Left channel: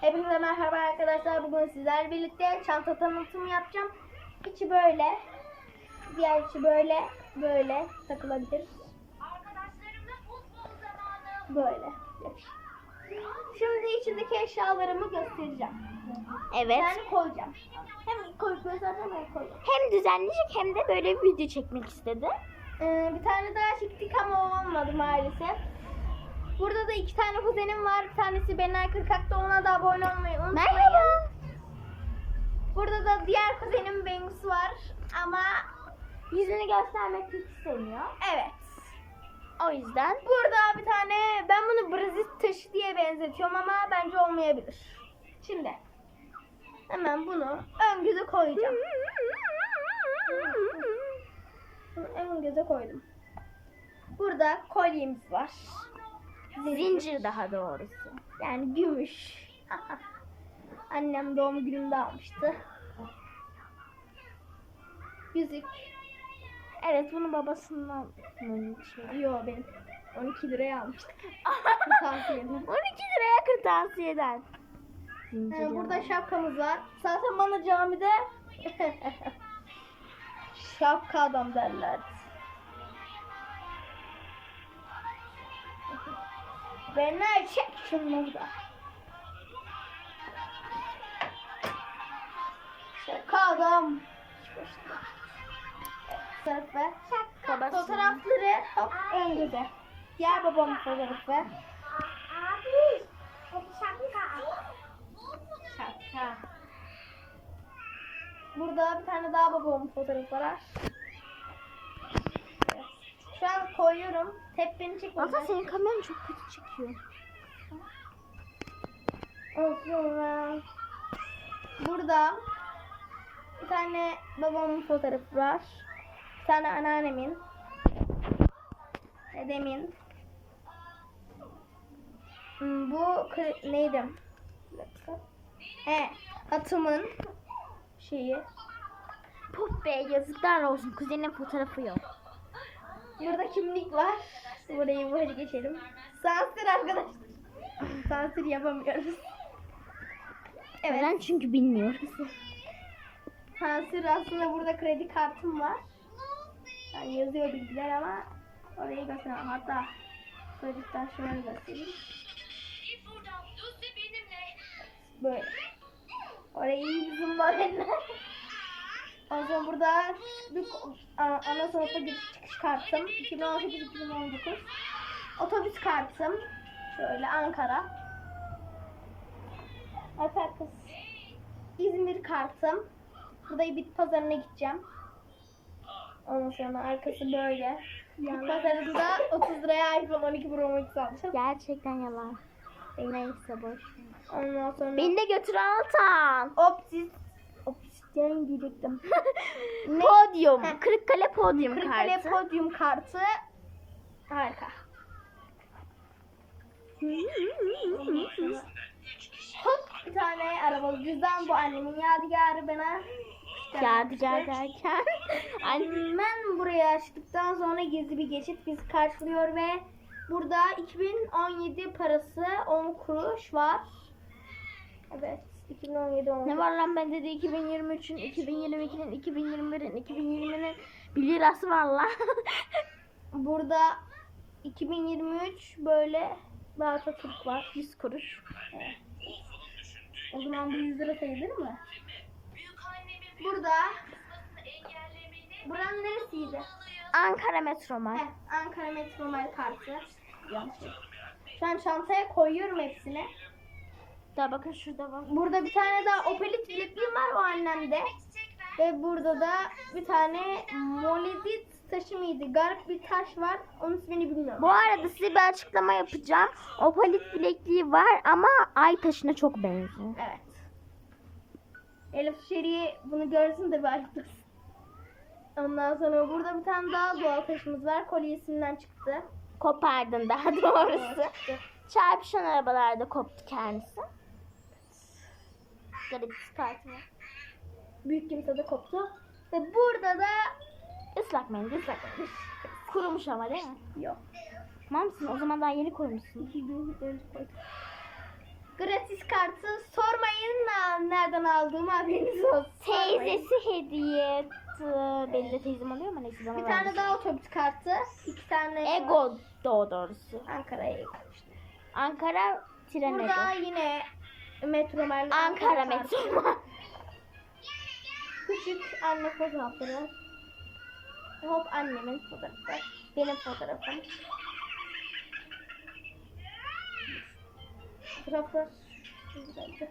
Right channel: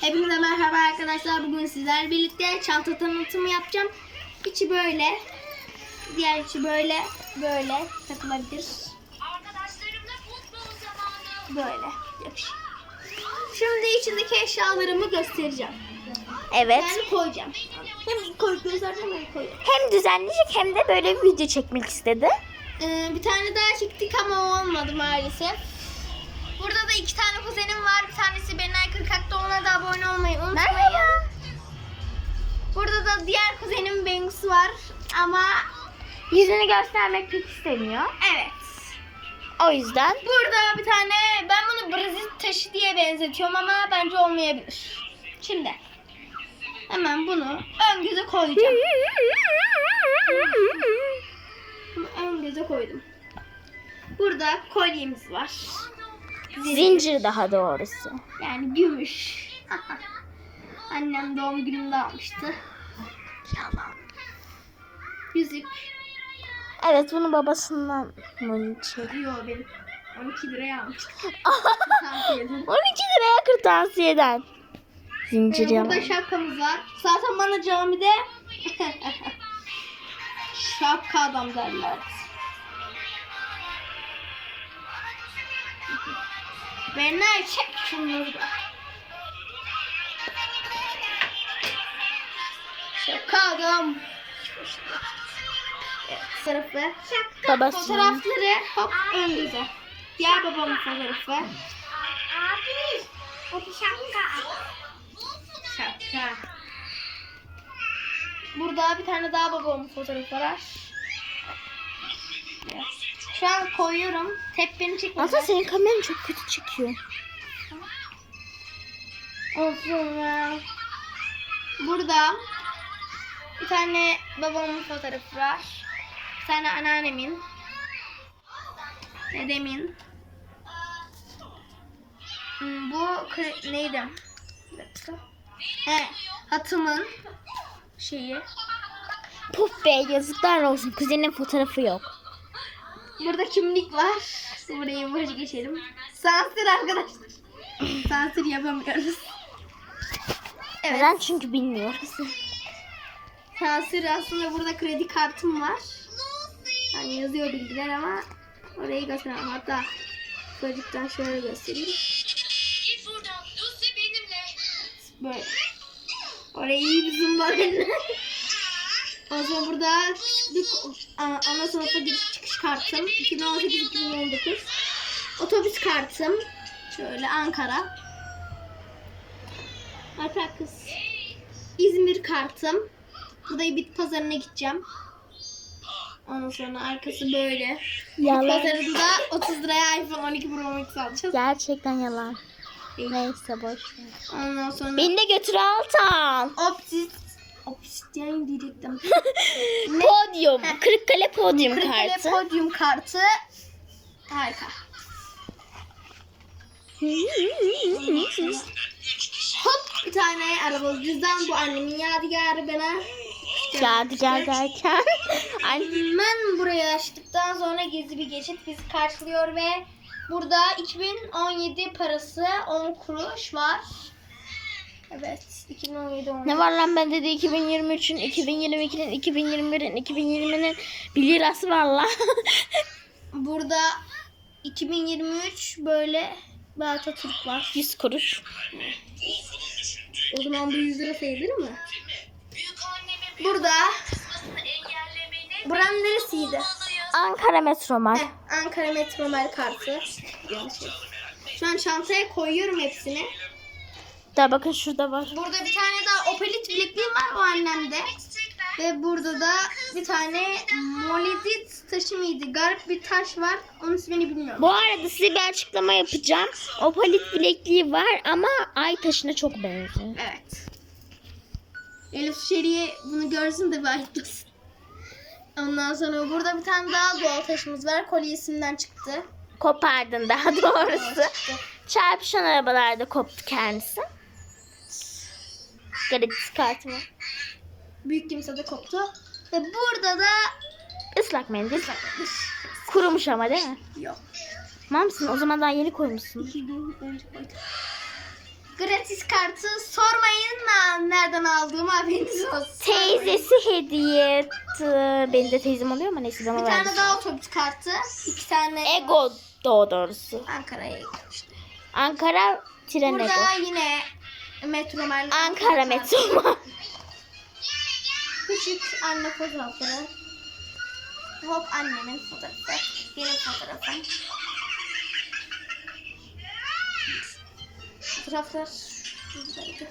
Hepinize merhaba arkadaşlar. Bugün sizlerle birlikte çanta tanıtımı yapacağım. İçi böyle. Diğer içi böyle. Böyle takılabilir. Arkadaşlarımla futbol zamanı. Böyle. Yakışık. Şimdi içindeki eşyalarımı göstereceğim. Evet. Yani koyacağım. Hem koy göstereceğim hem koyacağım. Hem düzenleyecek hem de böyle bir video çekmek istedi. Ee, bir tane daha çektik ama o olmadı maalesef. Burada da iki tane kuzenim var. Bir tanesi Benay Kırkak'ta ona da abone olmayı unutmayın. Merhaba. Burada da diğer kuzenim Bengüs var. Ama Yüzünü göstermek pek istemiyor. evet. O yüzden Burada bir tane ben bunu Brezilya taşı diye benzetiyorum ama bence olmayabilir. Şimdi hemen bunu ön göze koyacağım. Bunu ön göze koydum. Burada kolyemiz var. Zincir daha doğrusu. Yani gümüş. Annem doğum günümde almıştı. Yüzük. Evet bunu babasından mı çek- Yo benim 12 liraya. Tavsiye 12 liraya kırtasiyeden. Zincir Ee, burada yalan. şapkamız var. Zaten bana camide şapka adam derler. Benler çek şunları da. Evet, sınıfı. Babasının. Fotoğrafları hop ön göze. Diğer babamın fotoğrafı. Abi. Hadi şapka. Şapka. Burada bir tane daha babamın fotoğrafı var. Şu an koyuyorum. Tep beni çekmedi. Aslında senin kameran çok kötü çekiyor. Olsun ya. Burada bir tane babamın fotoğrafı var. Bir tane anneannemin. Dedemin. Hmm, Bu neydi? Bir dakika. He, hatımın şeyi. Puf be yazıklar olsun. Kuzenin fotoğrafı yok. Burada kimlik var. Burayı boş geçelim. Sansür arkadaşlar. Sansür yapamıyoruz. Evet. Neden? Çünkü bilmiyoruz. Sansür aslında burada kredi kartım var. Yani yazıyor bilgiler ama orayı gösteremem. Hatta çocuktan şöyle göstereyim. Böyle. Orayı iyi bir zoom var eline. Ondan sonra burada ana sınıfa giriş çıkış kartım. 2018-2019. Otobüs kartım. Şöyle Ankara. Alper kız. İzmir kartım. Burada bit pazarına gideceğim. Ondan sonra arkası böyle. Bit Yalan. pazarında 30 liraya iPhone 12 Pro Max alacağız. Gerçekten yalan. Neyse boş ver. Ondan sonra Beni de götür Altan. Optis Obsidian diyecektim. Podyum. Kırıkkale podyum Kırıkkale kartı. podyum kartı. Harika. Hop bir tane arabalı cüzdan. Bu annemin yadigarı bana. Yadigar derken. Ay, Ben burayı açtıktan sonra gizli bir geçit bizi karşılıyor ve burada 2017 parası 10 kuruş var. Evet 2017 10 ne var lan bende de 2023'ün, 2022'nin, 2021'in, 2020'nin 1 lirası var lan. Burada 2023 böyle bir Atatürk var. 100 kuruş. O zaman bu 100 lira sayılır mı? Burada buranın neresiydi? Ankara Metromar. Heh, Ankara Metromel kartı. Yanlış. Şu an çantaya koyuyorum hepsini. Da bakın şurada var. Burada bir tane daha Opelit bilekliğim var o annemde. Ve burada da bir tane Molidit taşı mıydı? Garip bir taş var. Onun ismini bilmiyorum. Bu arada size bir açıklama yapacağım. Opalit bilekliği var ama ay taşına çok benziyor. Evet. Elif Şeriye bunu görsün de bir ayıplasın. Ondan sonra burada bir tane daha doğal taşımız var. Kolyesinden çıktı. Kopardın daha doğrusu. Çarpışan arabalarda koptu kendisi. Garip kartı var. Büyük kimse de koptu. Ve burada da Islak mendil. Kurumuş ama değil mi? yok. Tamam mısın? O zaman daha yeni koymuşsun. İki gün önce koydum. gratis kartı sormayın na- nereden aldığımı haberiniz olsun. Teyzesi hediye etti. Benim de teyzem oluyor ama neyse Bir bana tane verdi. daha otobüs kartı. iki tane Ego doğru doğrusu. Ankara'ya Ego. Ankara tren Ego. Burada yine Metromen Ankara kartı. metro. Küçük anne fotoğrafları. Hop annemin fotoğrafı. Benim fotoğrafım. Fotoğraflar buradaydı.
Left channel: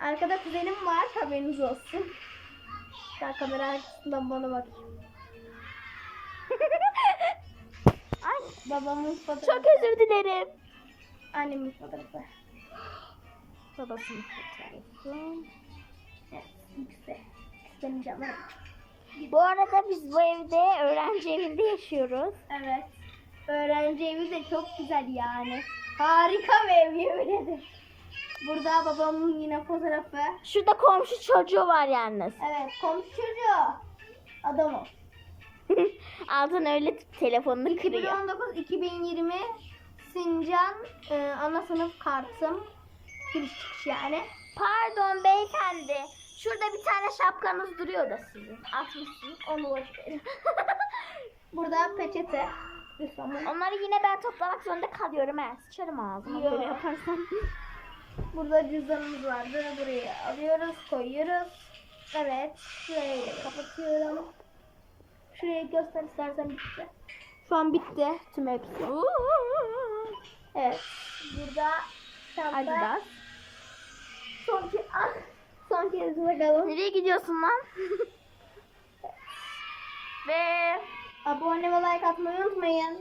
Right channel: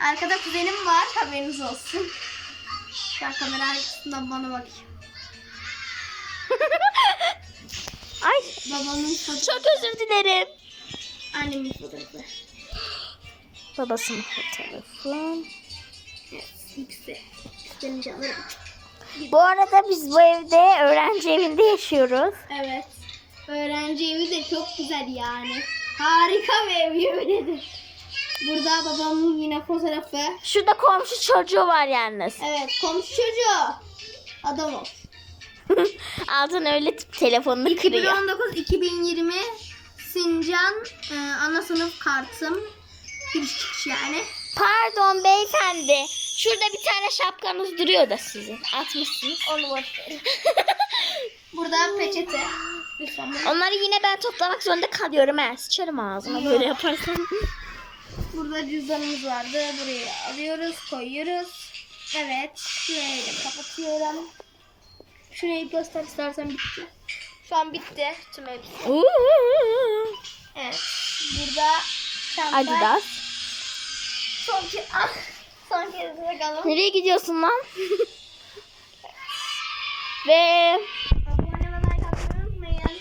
Arkada kuzenim var haberiniz olsun. Ben kamera arkasından bana bakayım. Ay Babamın fotoğrafı. çok özür dilerim. Annemin fotoğrafı. Babasının fotoğrafı. Evet. Bu arada biz bu evde öğrenci evinde yaşıyoruz. Evet. Öğrenci evi de çok güzel yani. Harika bir ev yemin ederim. Burada babamın yine fotoğrafı. Şurada komşu çocuğu var yalnız. Evet komşu çocuğu. Adam ol. Altın öyle tip telefonunu kırıyor. 2019-2020 Sincan e, ana sınıf kartım. Giriş çıkış yani. Pardon beyefendi. Şurada bir tane şapkanız duruyor da sizin. Atmışsınız. Onu boş verin. Burada peçete. Lütfen Onları yine ben toplamak zorunda kalıyorum. Ha. Sıçarım ağzıma Yok. böyle yaparsam. Burada cüzdanımız vardı. Buraya alıyoruz, koyuyoruz. Evet. Şurayı da kapatıyorum. Şurayı göster istersen bitti. Şu an bitti tüm hepsi. Evet. Burada çanta. Adidas. Son ki ah, son kez bakalım. Nereye gidiyorsun lan? Ve Abone ve like atmayı unutmayın.